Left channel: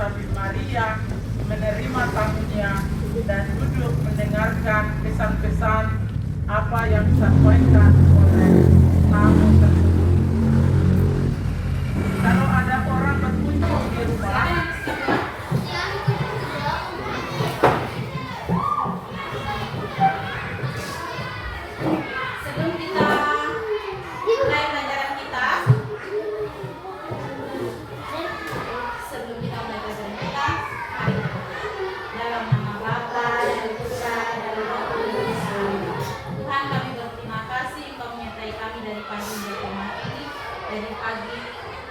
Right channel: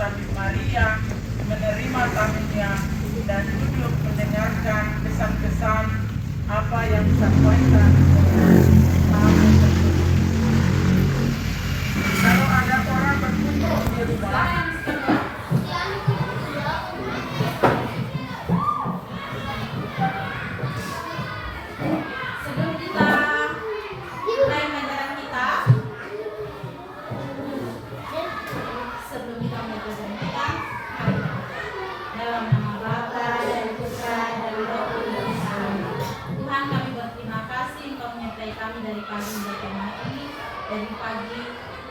salib Maria, menerima tamunya, dan duduk mendengarkan pesan-pesan apa yang disampaikan oleh tamu tersebut. Kalau ada orang berkunjung di rumah, sebelum kita mulai pelajaran kita, mari dalam nama Bapa dan Putra dan Roh Kudus. Tuhan, kami berterima kasih Engkau menyertai kami dari pagi hingga malam ini, dari pagi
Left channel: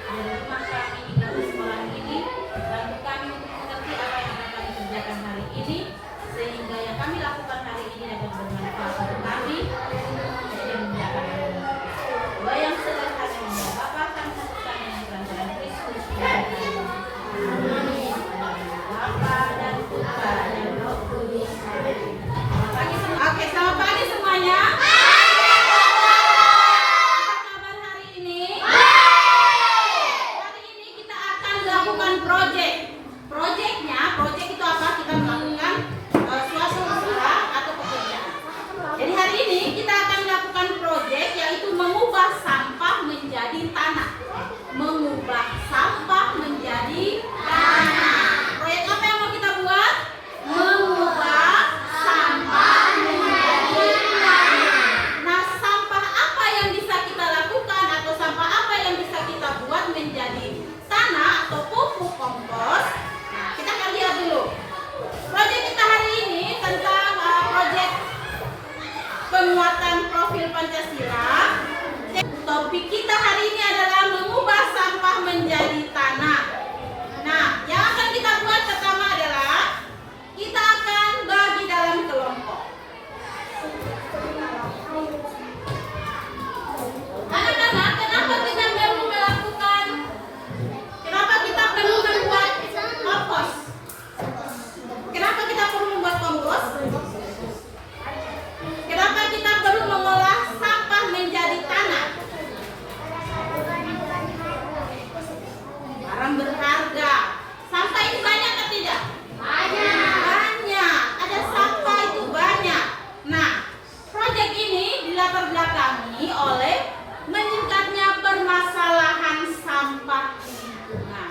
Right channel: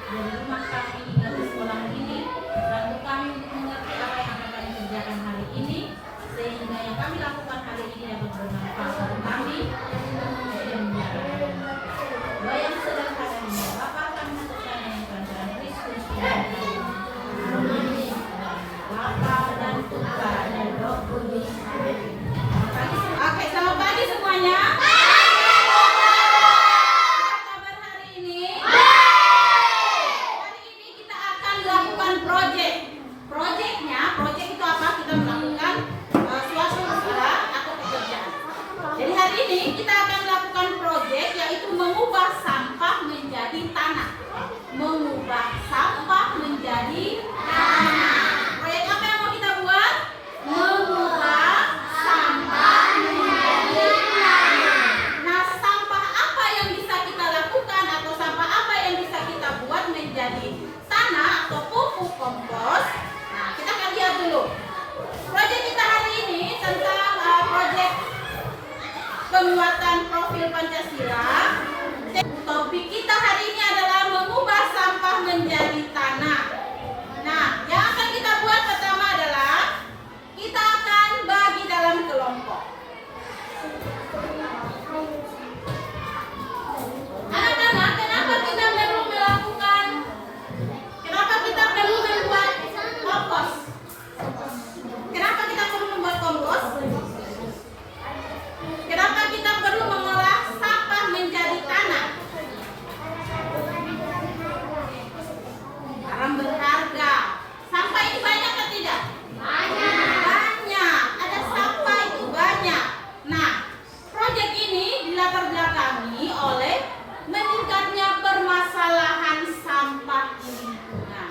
dari rumah kami hingga ke sekolah ini. Bantu kami untuk mengerti apa yang akan kami kerjakan hari ini, sehingga yang kami lakukan hari ini dapat bermanfaat bagi kami. Doa yang sederhana ini, Bapa, kami menyertai dengan kelancaran Kristus yang kami. Bapa dan Putra dan Roh Kudus. Oke, selamat pagi semuanya. Apa kabar hari ini? Hari ini kita akan melakukan proyek. Proyek itu apa? Kita melakukan suatu usaha atau pekerjaan. Jadi hari ini kita akan melakukan proyek, yaitu mengubah sampah menjadi tanah. Mengubah sampah menjadi tanah. Proyek apa yang mau kita buat? Mengubah sampah menjadi tanah. Nah, sampah apa yang bisa kita lakukan atau sampah apa yang bisa kita buat menjadi tanah atau pupuk kompos? Nah, kita akan lihat dulu. Proyek kita hari ini tentang proyek penguatan profil Pancasila. Topik kita hari ini adalah mengubah sampah menjadi tanah. Nah, yang akan kita buat pertama adalah kita akan bagi dalam kelompok. Anak-anak, kenapa kita perlu melakukan? Kenapa kita perlu membuat kompos? Kenapa kita perlu membuat kompos? Kenapa kita perlu mengolah sampah menjadi tanah? Barang berharga. Sampah ini banyak atau tidak? Banyak. Ada sampah itu banyak. Nah, proyek ini dilatar belakangi oleh meningkatnya permasalahan sampah di lingkungan,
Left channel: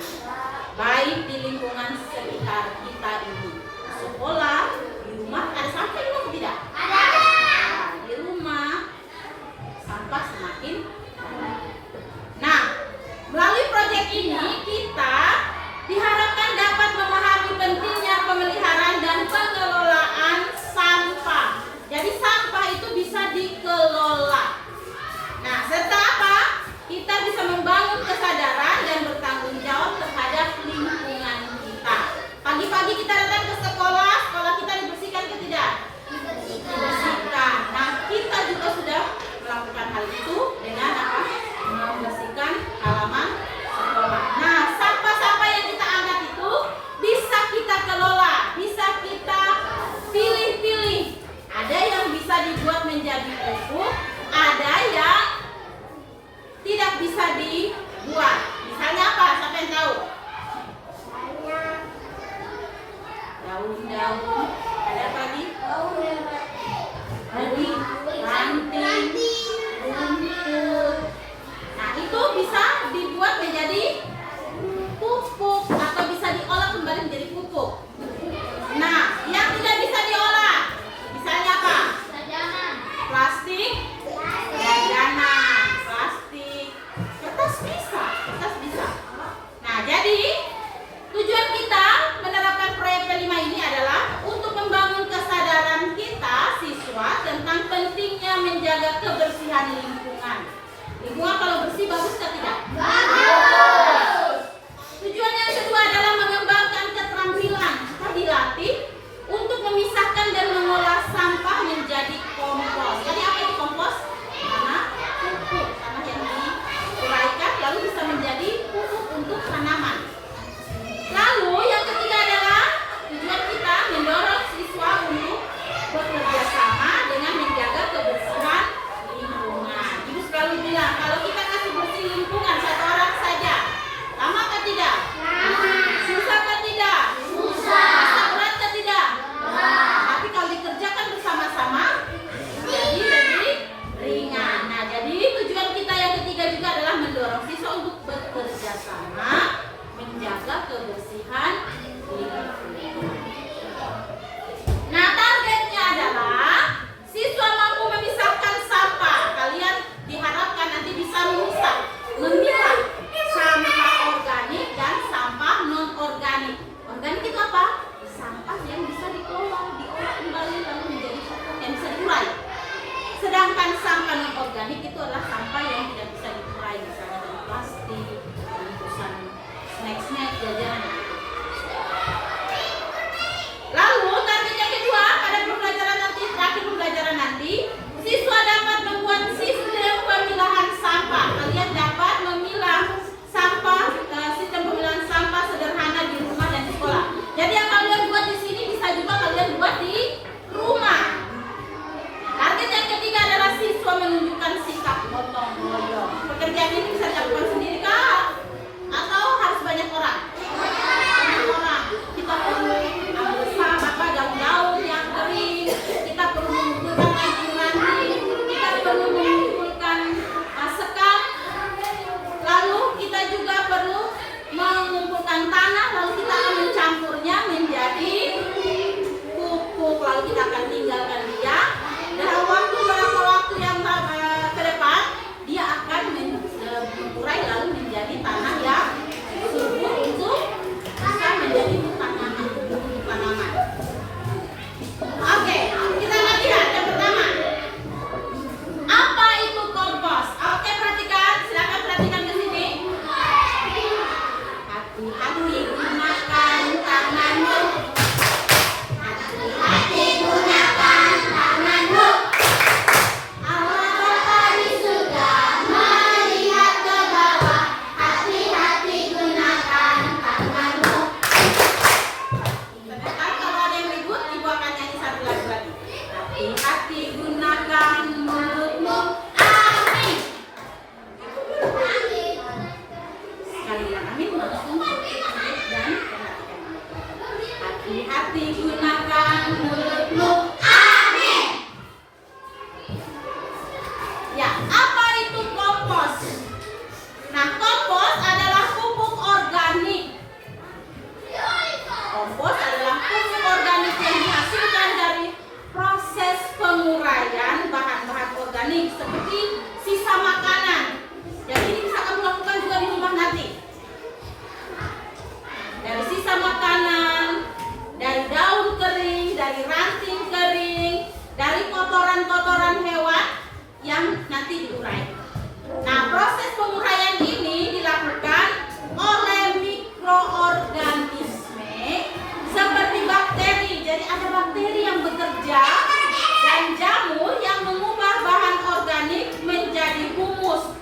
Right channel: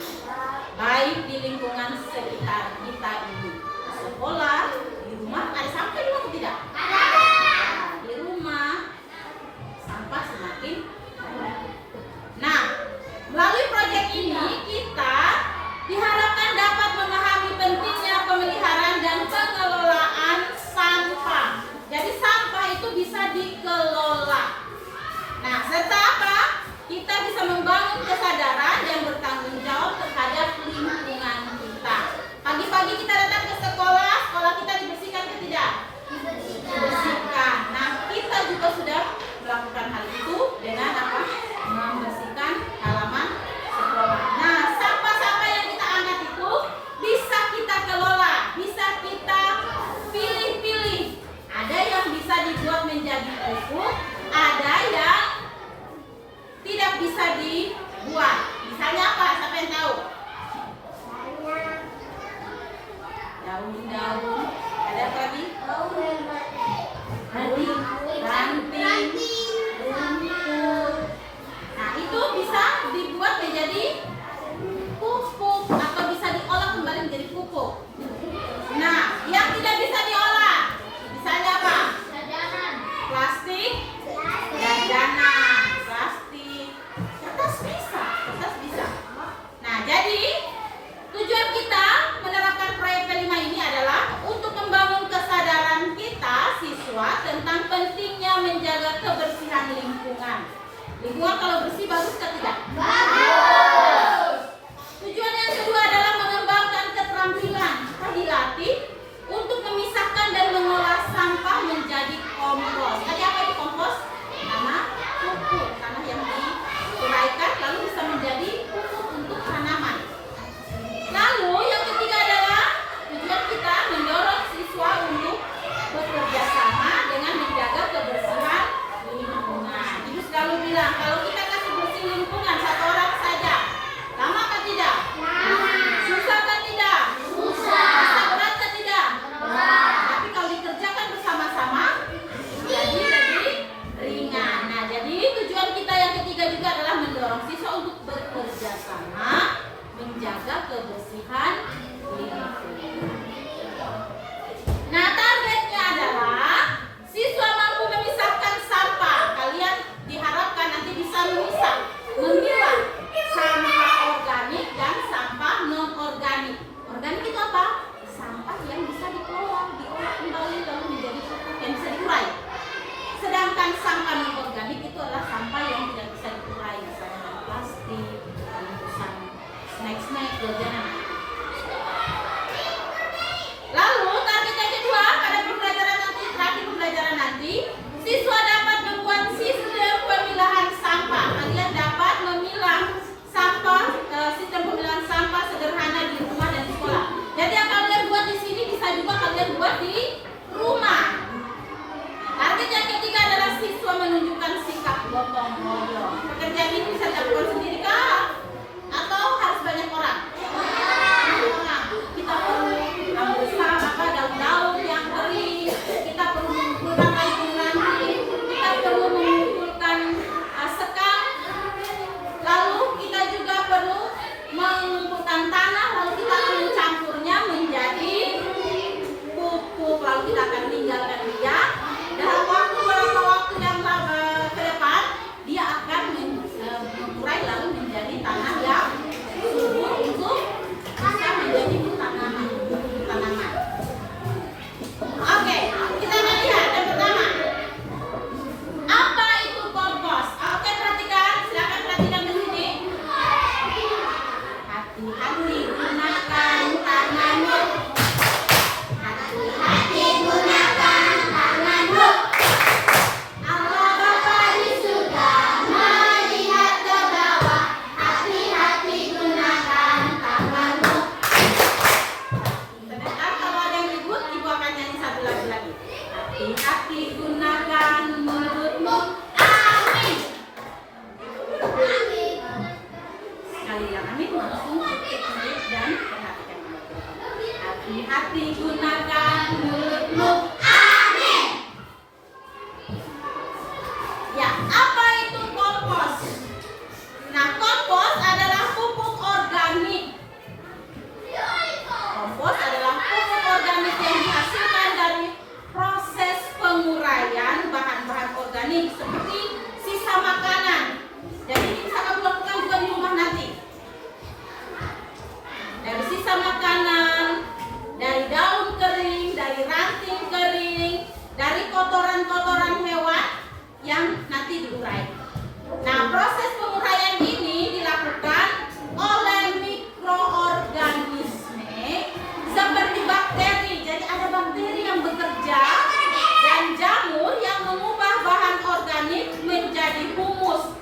baik di lingkungan sekitar kita ini. Sekolah, di rumah ada sampah juga atau tidak? Ada. Nah, di rumah sampah semakin banyak. Nah, melalui proyek ini kita diharapkan dapat memahami pentingnya pemeliharaan dan pengelolaan sampah. Jadi sampah itu bisa dikelola. Nah, serta apa? Kita bisa membangun kesadaran dan bertanggung jawab terhadap lingkungan kita. Pagi-pagi kita datang ke sekolah, sekolah kita dibersihkan atau tidak? Dibersihkan. Nah, kita juga sudah melakukan hal itu dengan apa? Membersihkan halaman sekolah. Nah, sampah-sampah yang kita angkat itu bisa kita kelola, bisa kita pilih-pilih. Ada yang bisa dibuat menjadi pupuk, ada yang tidak bisa dibuat. Misalnya apa? Siapa yang tahu? Daun-daun. Ada apa lagi? Ranting, rumput. Nah, itu bisa dibuat menjadi pupuk atau bisa diolah kembali menjadi pupuk. Nah, yang tidak bisa diolah, misalnya apa? Plastik, jajanan, plastik, kertas bisa. Nah, jadi tujuan kita menerapkan proyek kelima ini adalah untuk membangun kesadaran kita siswa tentang pentingnya menjaga kebersihan lingkungan. Lingkungan kalau bersih bagus atau tidak? Bagus. Tujuan yang kedua adalah mengembangkan keterampilan. Kita dilatih untuk memisahkan dan mengolah sampah menjadi kompos. Tadi apa itu kompos? Tanah pupuk, tanah yang diuraikan lalu bisa menjadi pupuk untuk tanaman. Lalu yang ketiga adalah tujuan kita mendorong siswa untuk bekerja sama dengan menjaga kebersihan lingkungan. Ibu selalu bilang kalau kita kasih bersih jajanan. Lalu target yang kedua pada pembelajaran nanti, terakhir pembelajaran nanti, siswa dapat membuat sistem pemilahan sampah. Kalian dapat memilah sampah, sistem pemilahan sampah sederhana di rumah dan di sekolah. Jadi yang kalian buat di sini bisa juga kalian buat di rumah. Target yang ketiga adalah siswa menunjukkan sikap gotong royong. Pekerjaan ini bisa dilakukan sendiri kah? Atau harus banyak orang? Banyak orang. Kita perlu besar daun-daun yang kering. Kita perlu mengumpulkan ranting-ranting. Kita perlu mengumpulkan sekam. Lalu kita juga perlu mengumpulkan tanah. Lalu kita akan mencampurnya menjadi pupuk. Lalu kita akan tinggalkan dia. Dalam beberapa waktu yang ke depan dia akan mengurai lalu menjadi tanah yang subur untuk bisa menjadi tanaman, untuk tanaman. Oke, kita akan lihat yang pertama. Apa itu kompos? Oke, perhatikan, silakan perhatikan di sini. Hati-hati gunakan tanganmu. Hati-hati gunakan tanganmu. Allah Bapa di surga melihat ke bawah. Hati-hati gunakan tanganmu. Sebentar, kalau ada yang ribut, ibu akan nyanyi satu lagu lagi. Hati-hati gunakan mulutmu. Amin. Sekali bilang amin, langsung dan perhatikan. Hati-hati gunakan mulutmu. Amin. Ya, apa itu kompos? Nah, kompos adalah pupuk organik. Kompos adalah pupuk organik yang dihasilkan dari proses penguraian bahan-bahan organik seperti sisa makanan. Jadi bisa kamu lakukan juga di rumah nanti. Dari sisa makanan, dari daun kering, dari ranting kering, dari kotoran-kotoran hewan yang nanti diurai. Nah, proses penguraian ini dilakukan oleh mikroorganisme seperti bakteri. Jadi ada bakteri yang bekerja dan jamur yang mengubah bahan organik menjadi humus.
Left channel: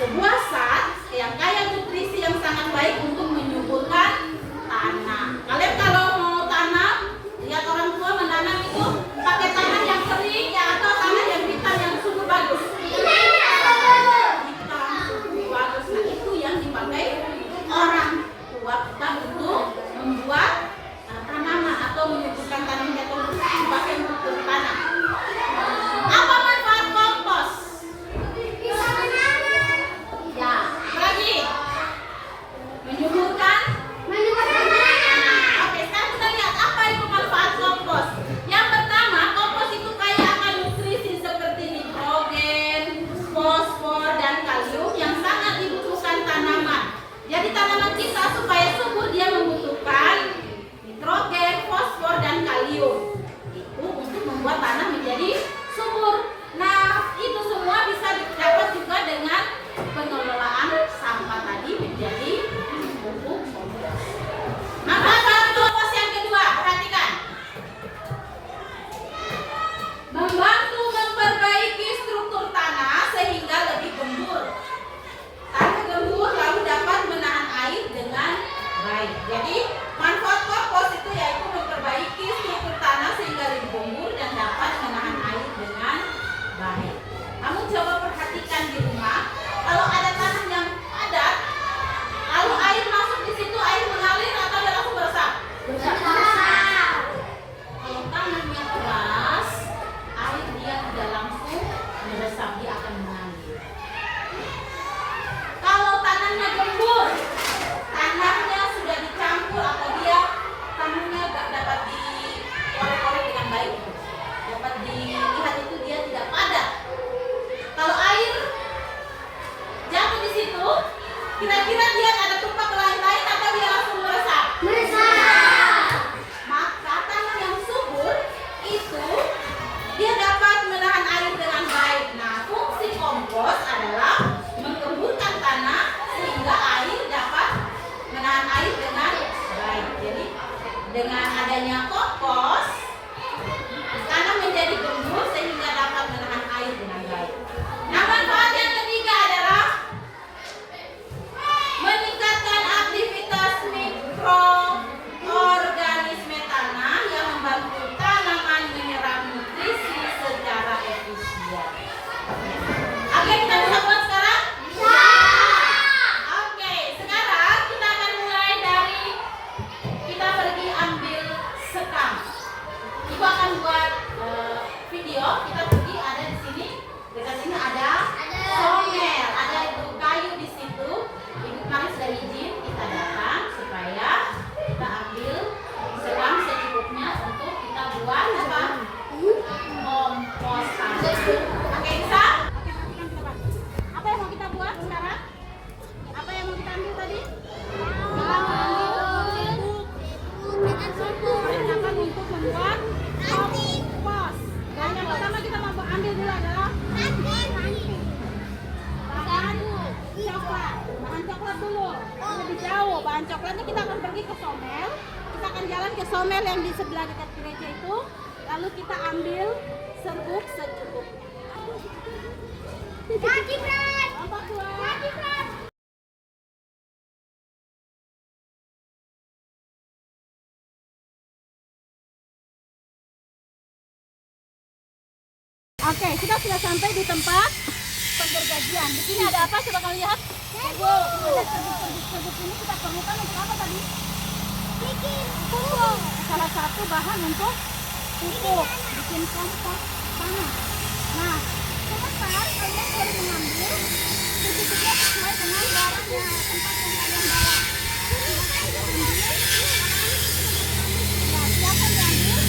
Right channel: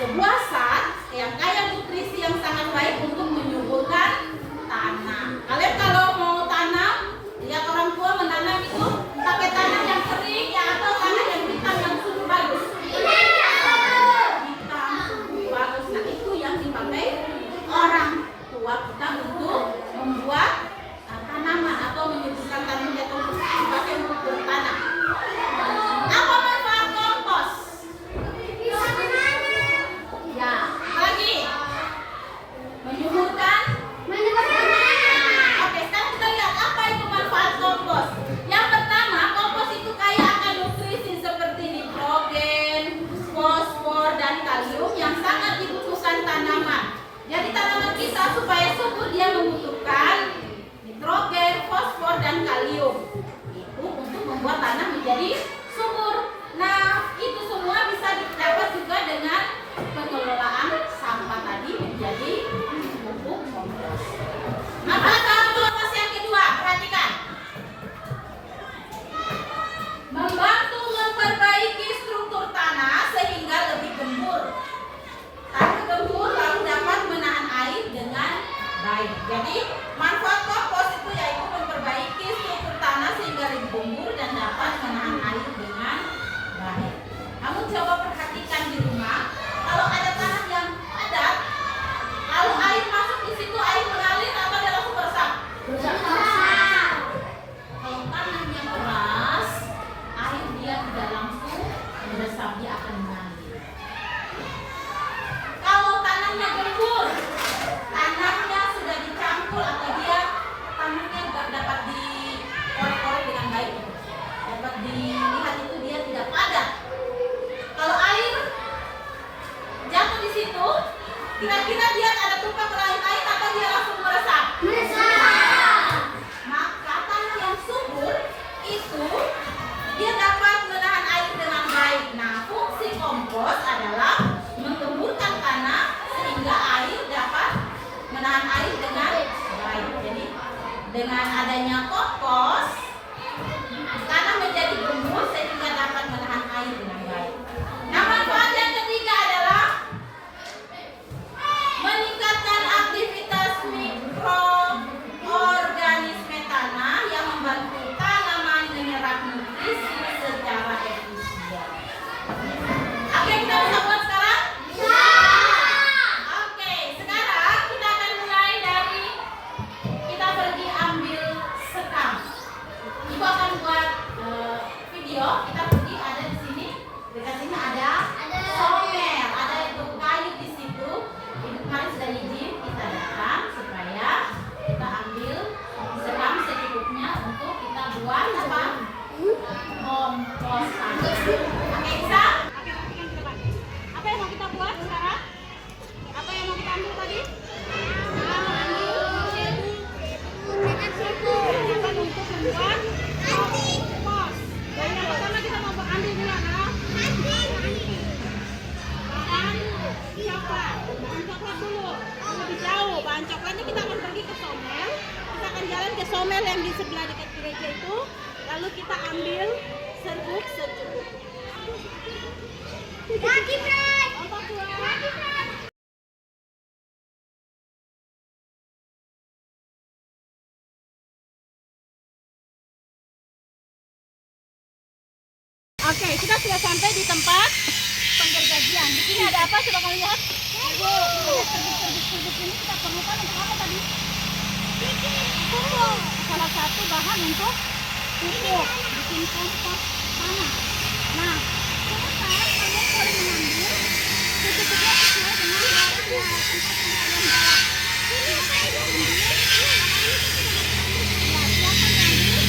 Sebuah zat yang kaya nutrisi yang sangat baik untuk menyuburkan tanah. Kalian kalau mau tanam, lihat orang tua menanam itu pakai tanah yang kering ya atau tanah yang hitam yang subur bagus. Hitam subur bagus. Nah, itu yang dipakai orang tua kita untuk membuat tanaman atau menyuburkan tanahnya atau dipakai untuk bertanam. Apa manfaat kompos? Ya, lagi menyuburkan. Oke, sekarang kita lihat apa itu manfaat kompos. Yang pertama, kompos itu kaya akan nutrisi seperti nitrogen, fosfor, dan kalium yang sangat dibutuhkan tanaman. Jadi tanaman kita supaya subur dia membutuhkan nitrogen, fosfor, dan kalium. Itu untuk membuat tanah menjadi subur. Nah, itu semua bisa didapat juga dengan pengelolaan sampah tadi menjadi pupuk kompos. Manfaat kompos yang kedua, perhatikan. Membantu memperbaiki struktur tanah sehingga lebih gembur. Tanah gembur lalu dapat menahan air dengan baik. Jadi manfaat kompos itu yaitu memperbaiki struktur tanah sehingga lebih gembur dan dapat menahan air dengan baik. Kamu coba perhatikan di rumah, kalau ada tanah yang padat, lalu air masuk di situ, air mengalir atau dia langsung meresap? Kalau tanahnya keras, air dia tidak langsung meresap, dia akan mengalir. Kalau tanahnya gembur, tanahnya sudah dicampur atau dia air dengan baik. Jadi dengan adanya kompos, tanah menjadi gembur sehingga dapat menahan air dengan baik. Nah, manfaat yang ketiga adalah meningkatkan aktivitas mikroorganisme tanah yang membantu tanaman menyerap nutrisi secara efisien. Oke, kita bisa buat sekarang? Ya. Oke, sekarang kita akan mulai dari kita pergi ambil sekam. Ibu akan buat video. Kita pergi ada di sini. Dekat sini ada somer, ada itu kayu di situ. Ibu kemarin sudah izin kita datang supaya kita ambil sekam secukupnya untuk kita buat apa? Kompos tanah. Oke, bisa? Oke, perhatikan kita, Pak. Apa yang mau kita buat sekarang? Apa yang mau kita ambil tadi? Perlengkapan untuk membuat kompos. Dan yang pertama kita mau ambil dulu adalah bahan coklat dulu. Lebih jauh, bahan coklatnya kita akan pergi ke somel. Kita akan jalan ke somel yang di sebelah dekat gereja itu. Lalu kita ambil serbuk secukupnya. Ombak keluar. Oke, kita sudah sampai di tempat penggergajian. Di sini ada apa? Coba kalian lihat. Ibu, serbuk ini kita perlukan untuk apa tadi? Pupuk. Salah satu bahan untuk pupuk, bikin kompos tanah. Nah, sebentar kalian boleh mengambil secukupnya sesuai dengan warna tempat yang kalian bawa. Ya, silakan diambil.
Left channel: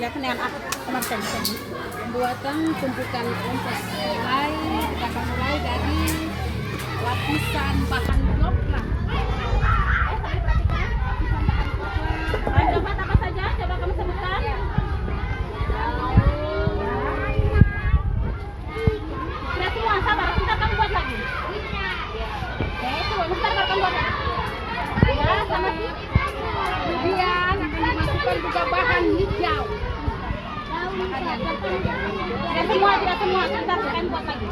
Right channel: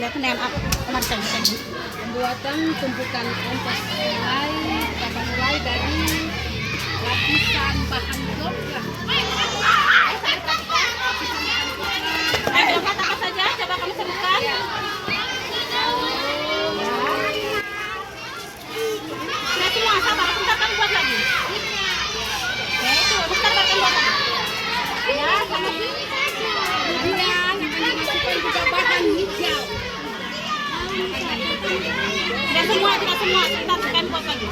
kelihatan dengan aku kemarin pembuatan tumpukan kompos mulai dari lapisan bahan blok lah. Dapat apa saja? Coba kamu sebutkan. Nah, semua sabar, kita akan buat lagi. Oke, itu bentar akan buat lagi. Ya, sama sih. Kemudian akan dimasukkan juga bahan hijau. Tidak semua, sebentar akan buat lagi.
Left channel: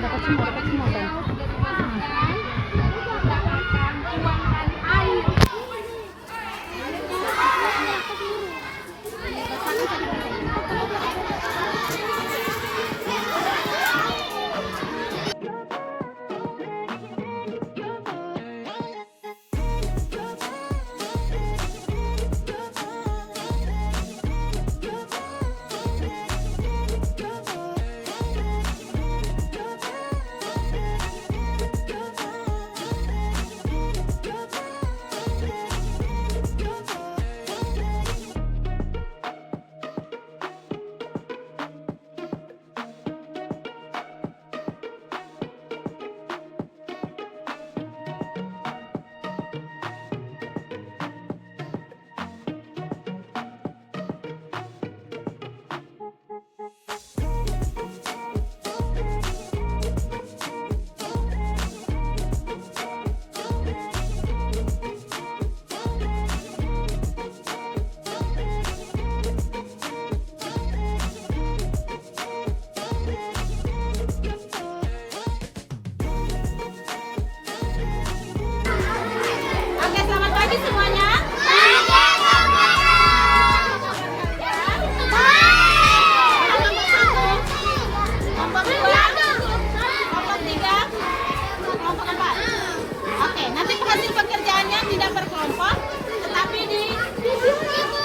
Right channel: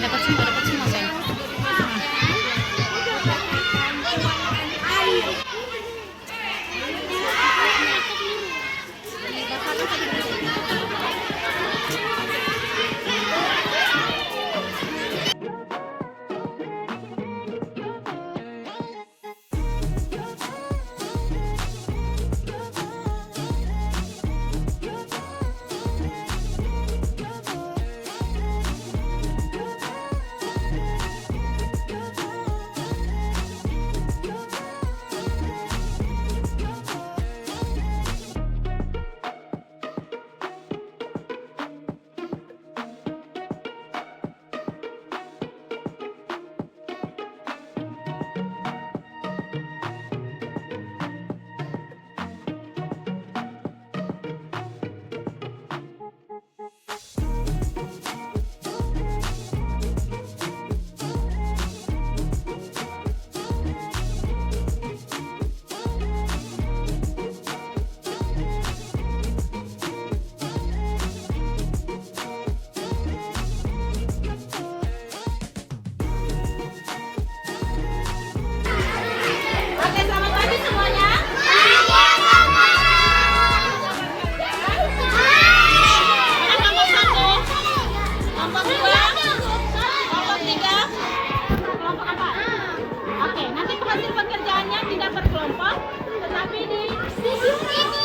Dapat semua sayang. Oke, selamat pagi semuanya. Kelompok 1, kelompok 2, kelompok 3, kelompok 4. Oke, nanti hasil pekerjaannya tidak berkelompok, tetapi di video ini.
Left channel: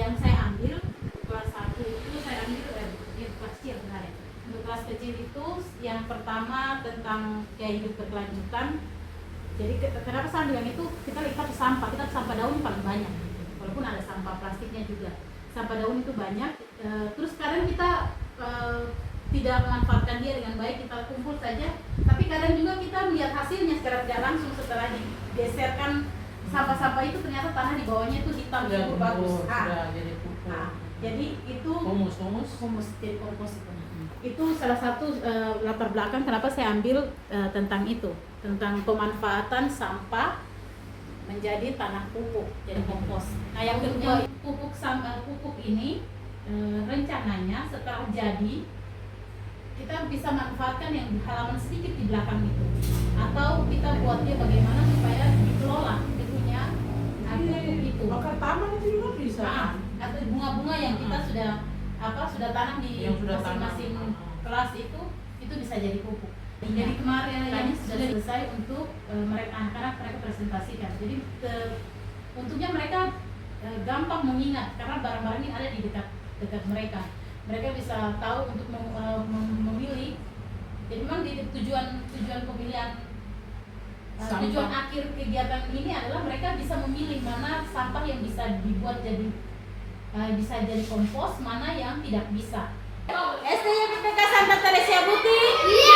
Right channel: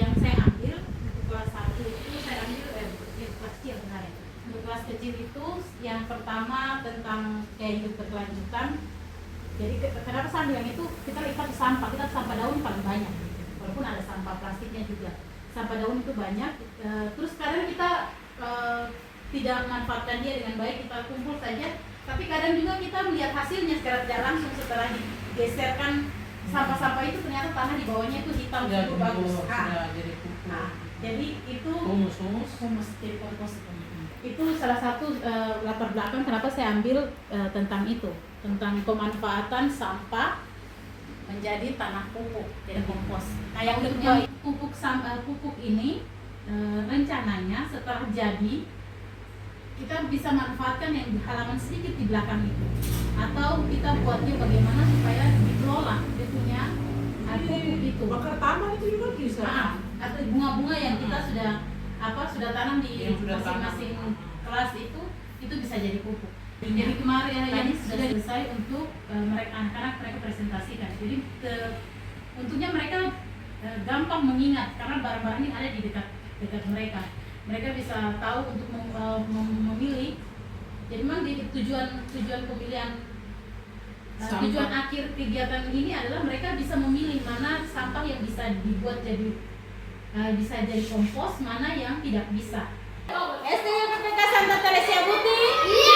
Yang saya ambil kelas 1 itu saya ambil kelas kecil sebenarnya. Untuk kelas kecil itu yang pertama tentang hidup berkelanjutan. Jadi kenapa saya bilang itu, kita lihat sampah, kita sampah daun paling banyak, walaupun ada sampah plastiknya juga. Sampah daun itu banyak. Terus kadang kita tidak memanfaatkan dia dengan baik, kita kumpul saja. Tapi kadang juga kita melihat hasilnya secara tidak langsung setelah digeserkan sampah-sampah itu, ternyata tanah di bawahnya itu hitam, cukup bagus. Jadi itu humus jadi kompos. Itu salah satu latar belakang kenapa saya ambil tentang itu, tentang pemanfaatan sampah menjadi tanah pupuk, jadi kompos. Nah, yang kedua, pupuk ini rencananya setelah jadi kita bisa manfaatkan yang di halaman sedikit di belakang itu, atau kita buatnya bagaimana supaya dikelola dia punya pupuk itu. Bakar taman itu juga bisa. Atau bunga-bunga yang kita sudah tanam di masing-masing kelas itu bisa jadi pupuk. Jadi kemarin yang sudah selesai untuk anak-anak mereka presentasikan. Jadi untungnya mereka gampang mengingat karena barang-barang yang ada di dekat dekat mereka. Mereka bisa tahu untuk memilih. Jadi memang tujuan pemilihan tujuan akhir kegiatan ini adalah mereka bisa memilih mana sampah yang bisa dibuat bisa jadi kompos, mana yang tidak bisa. SDY PPK Santa Teresia Buti.